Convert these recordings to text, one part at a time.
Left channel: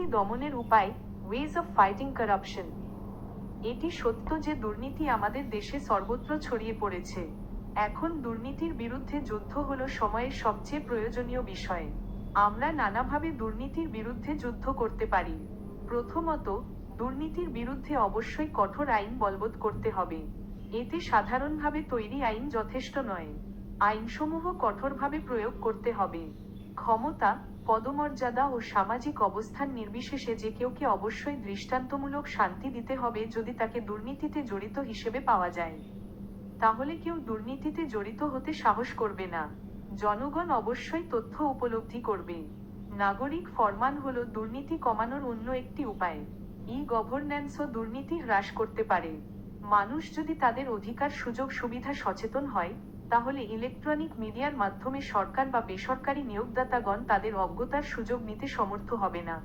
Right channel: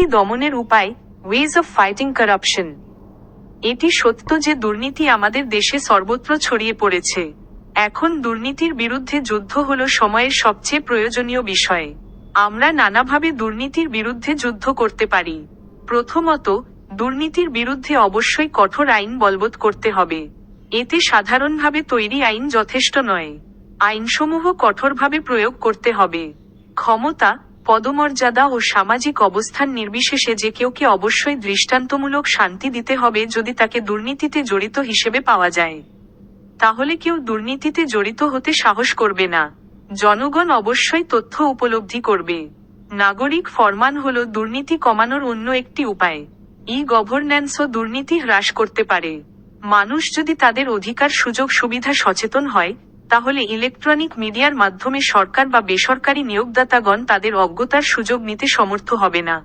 দুর্নীতি দমনের উপায় ওয়েজ অফ ফাইটিং কারাপশন এটি সত্য যে দুর্নীতি আমাদের দেশে সর্বত্র ছড়িয়ে পড়েছে। এখন দুর্নীতির বিরুদ্ধে যুদ্ধ হল সময়ের সবচেয়ে প্রয়োজনীয় বিষয়। আমরা নানাভাবে দুর্নীতির বিরুদ্ধে যুদ্ধ করতে পারি। প্রথমত, দুর্নীতির বিরুদ্ধে অবশ্যই কঠোর আইন বলবৎ করতে হবে। এতে সাধারণভাবে তৈরি আইন যথেষ্ট নয়। আইনসমূহ কঠোরভাবে প্রয়োগ করতে হবে। ক্ষমতা পদমর্যাদা ও সামাজিক অবস্থান নির্বিশেষে যে কেউকে অবশ্যই দৃষ্টান্তমূলক শান্তি দিতে হবে যদি তাকে দুর্নীতিতে জড়িত হিসেবে পাওয়া যায়। তাহলে কেউ দুর্নীতিতে জড়িত হতে সাহস করবে না। জনগণ অবশ্যই তথ্য উপলব্ধি করবে। নাগরিক ফরমান হল দুর্নীতি কমানোর অন্য একটি উপায়। ই গভর্ন্যান্সও দুর্নীতি হ্রাস করতে পারে। মানুষ যদি তাদের অধিকার, সুযোগ, সুবিধা সচেতন হয় তাহলে ইলেকট্রনিক মিডিয়ার মাধ্যমে সরকার বা বেসরকারি নিয়োগদাতাগণ তাদের অজ্ঞতার সুযোগ নিতে সমর্থ হবে না।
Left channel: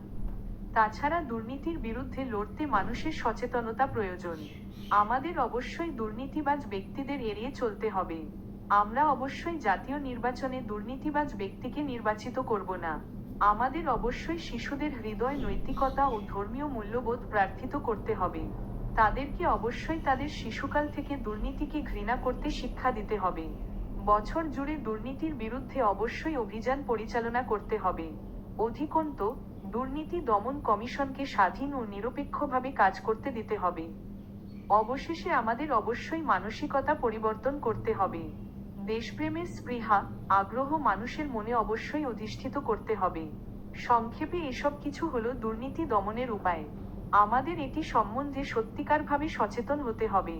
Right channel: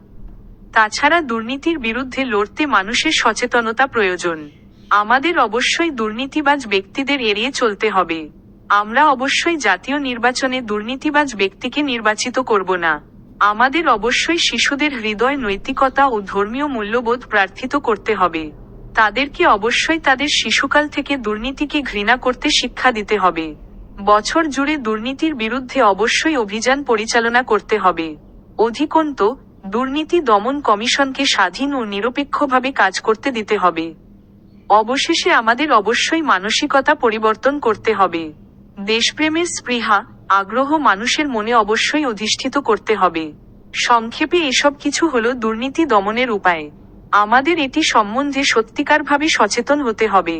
তাছাড়া দুর্নীতির বিরুদ্ধে লড়তে মানুষের সচেতনতা প্রয়োজন। আমাদের অবশ্যই দুর্নীতিবাজ ব্যক্তিদের এড়িয়ে চলতে হবে। আমরা অবশ্যই জাতীয় নির্বাচনে দুর্নীতিবাজ ব্যক্তিকে নির্বাচিত করব না। আমাদের অবশ্যই শিশুদের হৃদয়, নৈতিকতা ও ধর্মীয় মূল্যবোধ প্রার্থিত করতে হবে। তাদেরকে অবশ্যই তাদের শিশুকাল থেকে দুর্নীতিকে ঘৃণা করতে শিক্ষা দিতে হবে। বছর জুড়ে দুর্নীতির বিরুদ্ধে অবশ্যই অভিযান পরিচালনা করতে হবে। অধিকন্ত, দুর্নীতি দমন কমিশনকে স্বাধীন ও নিরপেক্ষভাবে কাজ করতে দিতে হবে। অবশেষে আমাদের অবশ্যই মানসিকতা পরিবর্তন করতে হবে। দেশপ্রেমের স্পৃহা, আগ্রহ মানুষের মনে অবশ্যই অধিষ্ঠিত করতে হবে। সংক্ষেপে এসব কিছু হলো দুর্নীতি দমনের উপায়। আমাদের এটি সম্বন্ধে সত্যিকারভাবে সচেতন হতে হবে।